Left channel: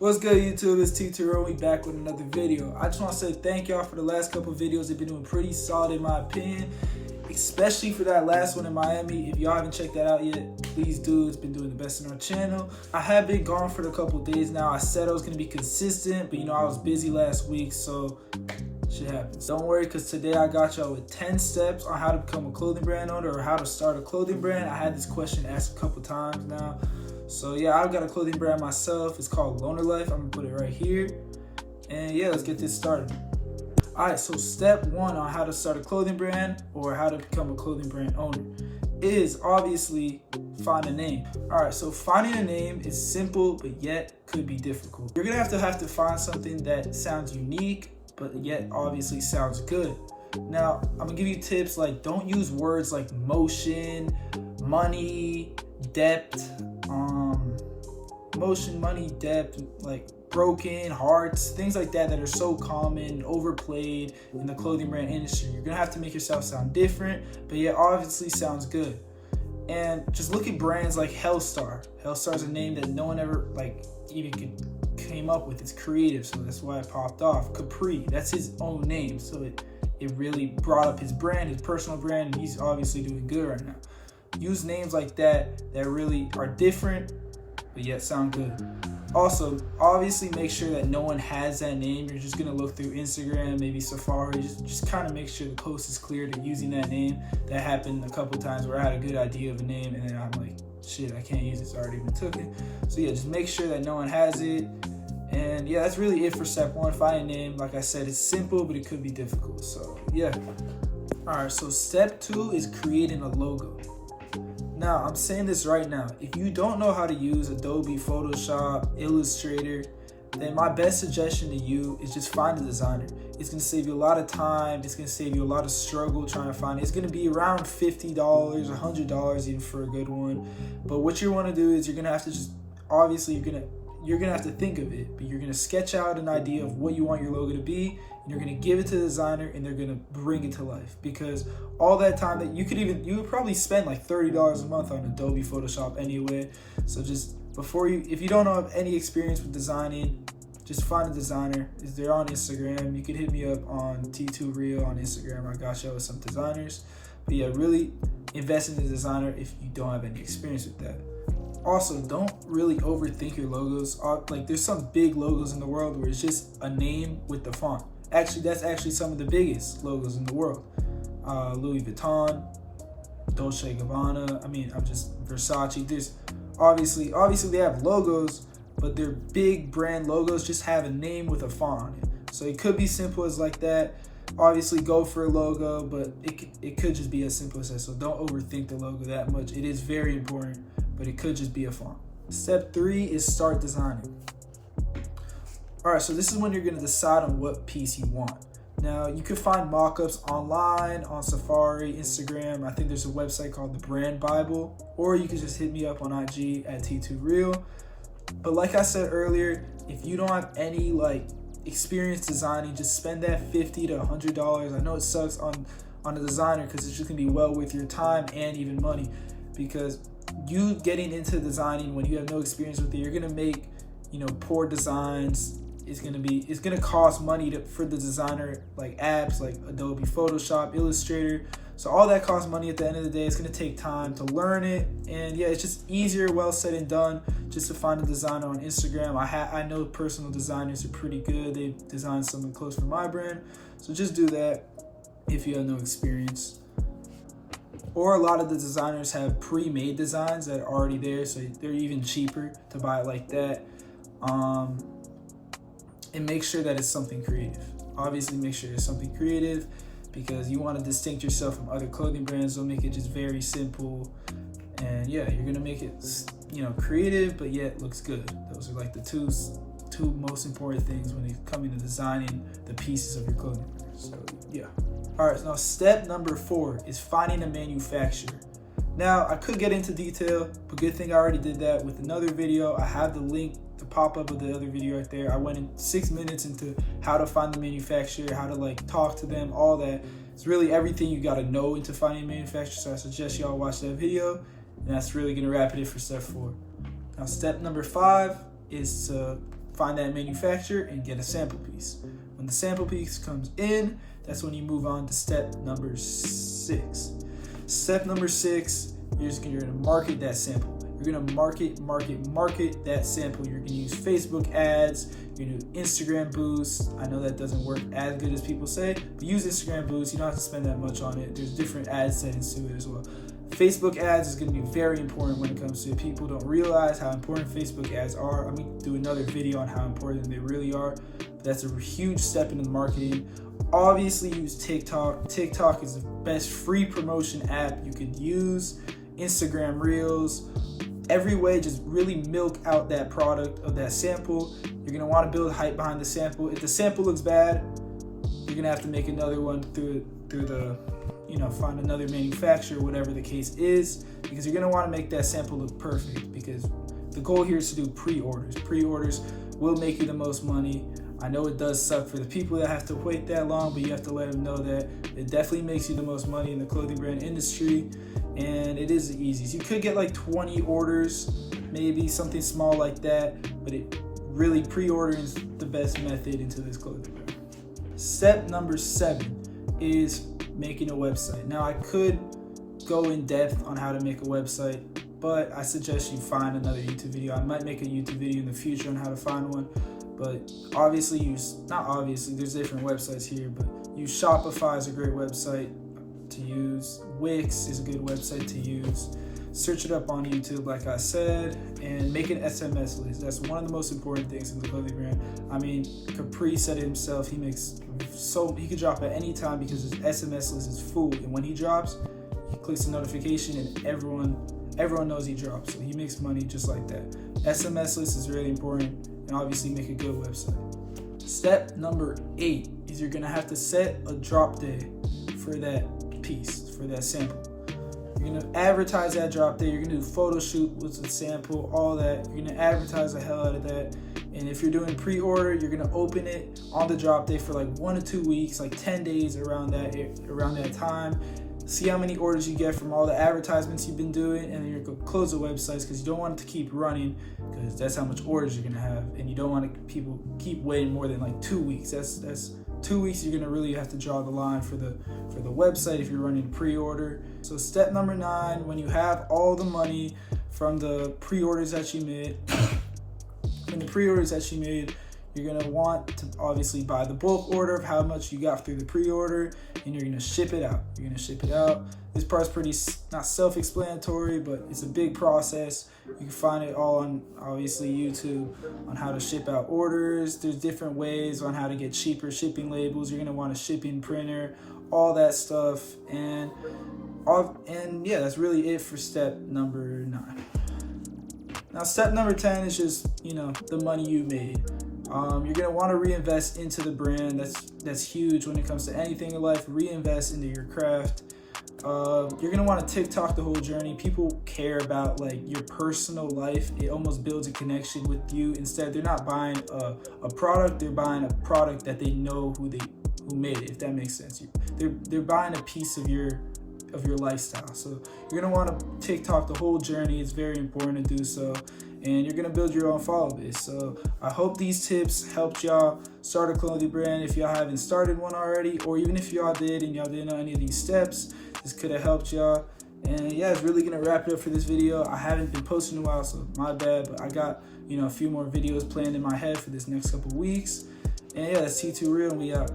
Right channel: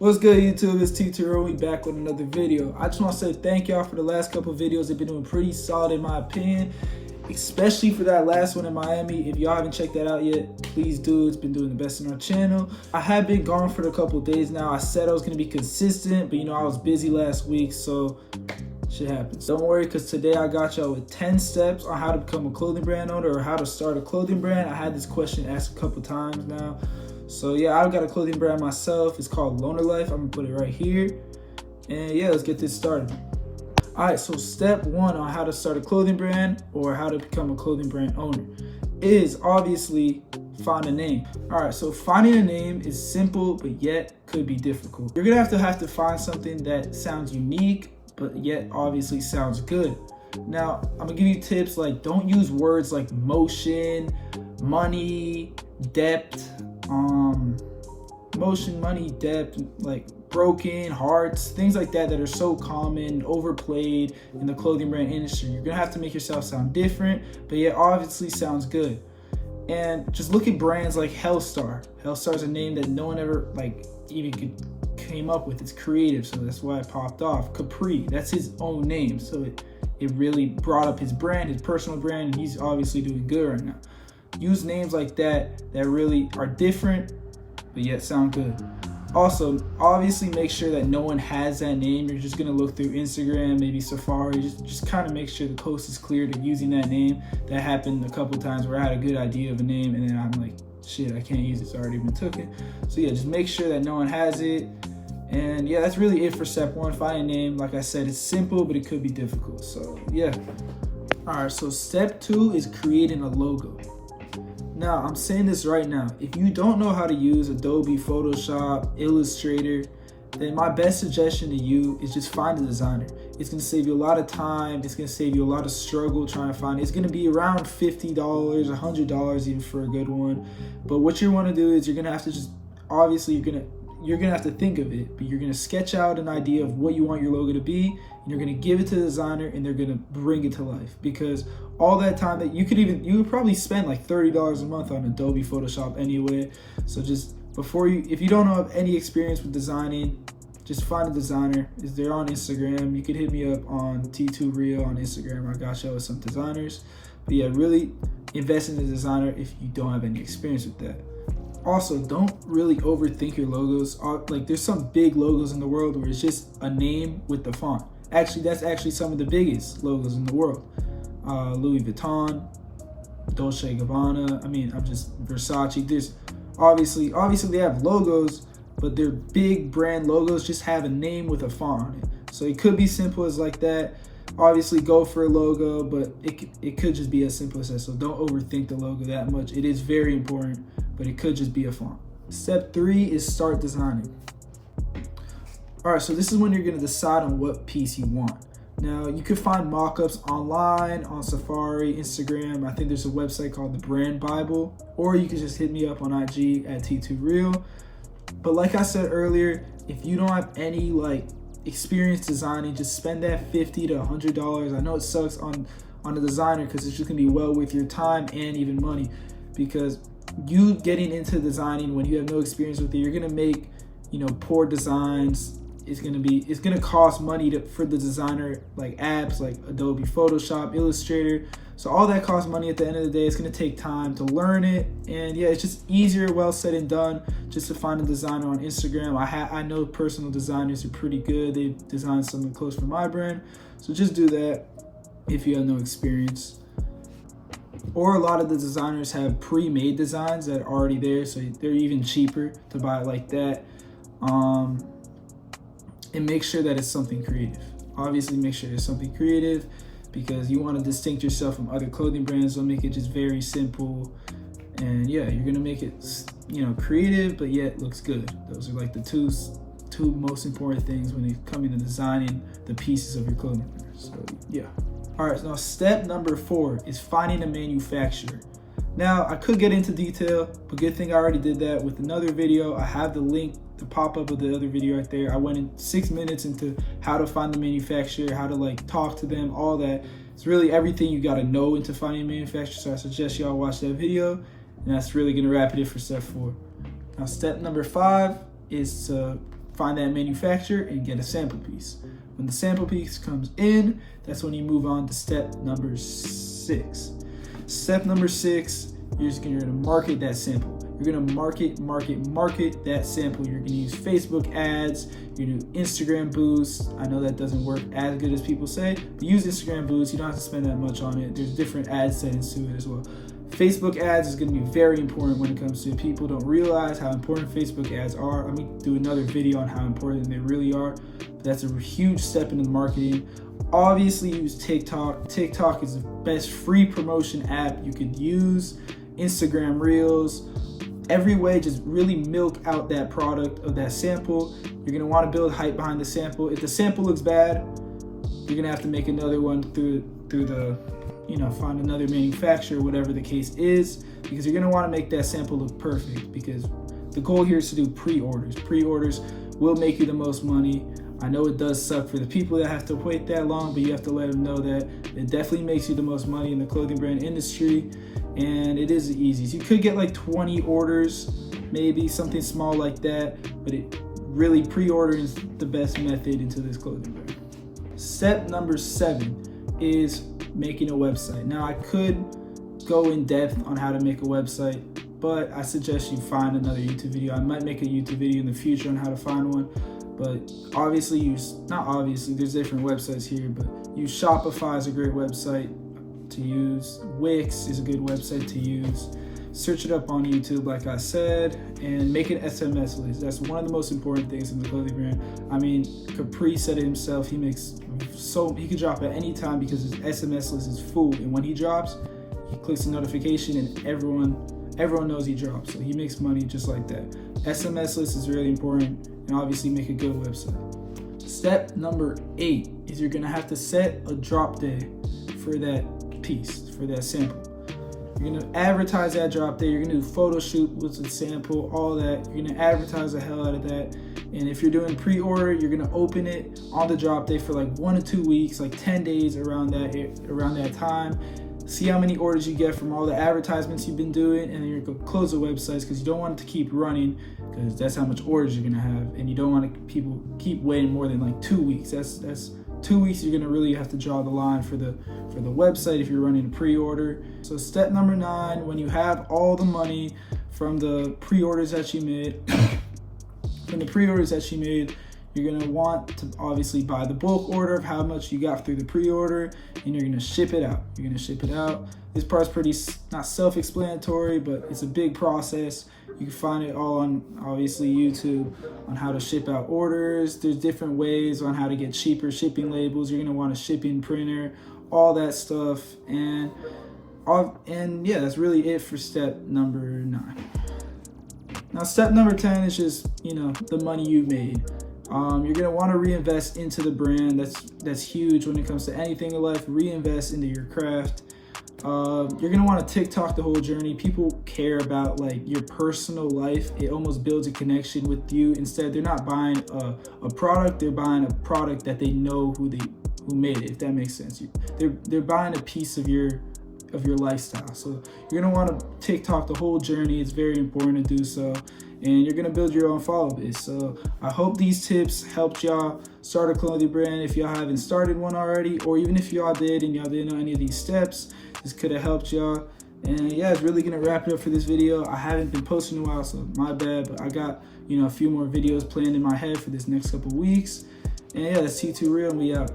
What's good, YouTube? It's T2 We back with another video. I just want to say thank y'all for the last couple videos. They've been doing pretty solid in my opinion, especially for that last one in Miami. If y'all haven't checked that out yet, please do. It's been doing the best on our channel. I have been gone for a couple days now. I said I was going to be consistent, but I was busy last week, so shit happens. Don't worry, because today I got y'all with 10 steps on how to become a clothing brand owner or how to start a clothing brand. I had this question asked a couple times now. So yeah, I've got a clothing brand myself. It's called Loner Life. I'm gonna put it right here. And yeah, let's get this started. All right, so step one on how to start a clothing brand or how to become a clothing brand owner is obviously find a name. All right, so finding a name is simple, but yet could be difficult. You're gonna have to find something that sounds unique, but yet obviously sounds good. Now, I'm gonna give you tips like don't use words like motion, money, depth, like broken, hearts, things like that are so common, overplayed in the clothing brand industry. You're gonna have to make yourself sound different, but yet obviously sounds good. And just look at brands like Hellstar. Hellstar is a name that no one ever even came up with. It's creative, so that's why it popped off. Capri, that's his own name, so it really brought up his brand, his personal brand, and he's obviously doing good right now. Use names like that really are different, but yet sound good. Also, obviously make sure that no one has that name. You're just gonna look through Instagram, maybe Safari, just kind of make sure the coast is clear to using that name. That happened a couple times where I had a good idea of a name and then I'm like, shit, I can't use it, it's already been taken. So yeah, just make sure that no one has it. And yeah, that's really it for step one, find a name. Like I said, it's simple, but it could be difficult. So yeah. All right, so step two is creating a logo. Now, I'm saying this right now. If you don't know how to use Adobe Photoshop, Illustrator, then my best suggestion to you is just find a designer. It's gonna save you a lot of time. It's gonna save you a lot of struggle trying to find it. It's gonna be around $50, $100 even for a good one. But what you wanna do is you're gonna have to you're gonna have to think of it, but you're gonna sketch out an idea of what you want your logo to be, and you're gonna give it to the designer, and they're gonna bring it to life. Because all that time that you would probably spend like $30 a month on Adobe Photoshop anyway. So just if you don't have any experience with designing, just find a designer. They're on Instagram. You can hit me up on T2Real on Instagram. I got y'all with some designers. But yeah, really invest in the designer if you don't have any experience with that. Also, don't really overthink your logos. Like there's some big logos in the world where it's just a name with the font. Actually, that's actually some of the biggest logos in the world. Louis Vuitton, Dolce & Gabbana. Versace. There's obviously they have logos, but their big brand logos just have a name with a font on it. So it could be simple as like that. Obviously go for a logo, but it could just be as simple as that. So don't overthink the logo that much. It is very important, but it could just be a font. Step three is start designing. All right, so this is when you're gonna decide on what piece you want. Now, you can find mock-ups online, on Safari, Instagram. I think there's a website called The Brand Bible, or you can just hit me up on IG at T2Real. But like I said earlier, if you don't have any experience designing, just spend that $50 to $100. I know it sucks on a designer because it's just gonna be well worth your time and even money, because you getting into designing when you have no experience with it, you're gonna make poor designs. It's gonna cost money for the designer, like apps like Adobe Photoshop, Illustrator. So all that costs money at the end of the day. It's gonna take time to learn it, and yeah, it's just easier, well said and done, just to find a designer on Instagram. I know personal designers are pretty good. They designed something close for my brand, so just do that if you have no experience. Or a lot of the designers have pre-made designs that are already there, so they're even cheaper to buy it like that. And make sure that it's something creative. Obviously, make sure it's something creative because you want to distinct yourself from other clothing brands. Don't make it just very simple. And yeah, you're gonna make it, creative, but yet looks good. Those are like the two most important things when it comes to designing the pieces of your clothing brand. So yeah. All right, now step number 4 is finding a manufacturer. Now, I could get into detail, but good thing I already did that with another video. I have the link to pop up of the other video right there. I went in 6 minutes into how to find the manufacturer, how to talk to them, all that. It's really everything you gotta know into finding a manufacturer. So I suggest y'all watch that video, and that's really gonna wrap it in for step 4. Now, step number 5 is to find that manufacturer and get a sample piece. When the sample piece comes in, that's when you move on to step number 6. Step number 6, you're gonna market that sample. You're gonna market that sample. You're gonna use Facebook ads, you're gonna do Instagram boosts. I know that doesn't work as good as people say, but use Instagram boosts. You don't have to spend that much on it. There's different ad settings to it as well. Facebook ads is gonna be very important when it comes to it. People don't realize how important Facebook ads are. I'm gonna do another video on how important they really are. But that's a huge step into marketing. Obviously use TikTok. TikTok is the best free promotion app you could use. Instagram Reels, every way, just really milk out that product of that sample. You're gonna want to build hype behind the sample. If the sample looks bad, you're gonna have to make another one through the, find another manufacturer, whatever the case is, because you're gonna want to make that sample look perfect, because the goal here is to do pre-orders. Pre-orders will make you the most money. I know it does suck for the people that have to wait that long, but you have to let them know that it definitely makes you the most money in the clothing brand industry, and it is the easiest. You could get like 20 orders, maybe something small like that, but it really pre-ordering is the best method into this clothing brand. Step number 7 is making a website. Now I could go in depth on how to make a website, but I suggest you find another YouTube video. I might make a YouTube video in the future on how to find one. But there's different websites here, but use Shopify is a great website to use. Wix is a good website to use. Search it up on YouTube, like I said, and make an SMS list. That's one of the most important things in the clothing brand. I mean, Capri said it himself. He can drop at any time because his SMS list is full. And when he drops, he clicks the notification, and everyone knows he drops. So he makes money just like that. SMS list is really important, and obviously make a good website. Step number 8 is you're gonna have to set a drop day for that piece, for that sample. You're gonna advertise that drop day. You're gonna do photo shoot with the sample, all that. You're gonna advertise the hell out of that. And if you're doing pre-order, you're gonna open it on the drop day for like 1 to 2 weeks, like 10 days around that time. See how many orders you get from all the advertisements you've been doing, and then you're gonna close the websites because you don't want it to keep running, because that's how much orders you're gonna have, and you don't want people keep waiting more than like 2 weeks. That's 2 weeks. You're gonna really have to draw the line for the website if you're running a pre-order. So step number 9, when you have all the money from the pre-orders that you made, you're gonna want to obviously buy the bulk order of how much you got through the pre-order, and you're gonna ship it out. This part's pretty not self-explanatory, but it's a big process. You can find it all on obviously YouTube on how to ship out orders. There's different ways on how to get cheaper shipping labels. You're gonna want a shipping printer, all that stuff, and yeah, that's really it for step number 9. Now step number 10 is just the money you made. You're gonna want to reinvest into the brand. That's huge when it comes to anything in life. Reinvest into your craft. You're gonna want to TikTok the whole journey. People care about like your personal life. It almost builds a connection with you. Instead, they're not buying a product. They're buying a product that they know who made it. If that makes sense, they're buying a piece of your lifestyle. So you're gonna want to TikTok the whole journey. It's very important to do so. And you're gonna build your own follow base. So I hope these tips helped y'all start a clothing brand if y'all haven't started one already, or even if y'all did and y'all didn't know any of these steps, this could have helped y'all. And yeah, it's really gonna wrap it up for this video. I haven't been posting in a while, so my bad, but I got a few more videos planned in my head for this next couple weeks. And yeah, that's T2 Real, and we out.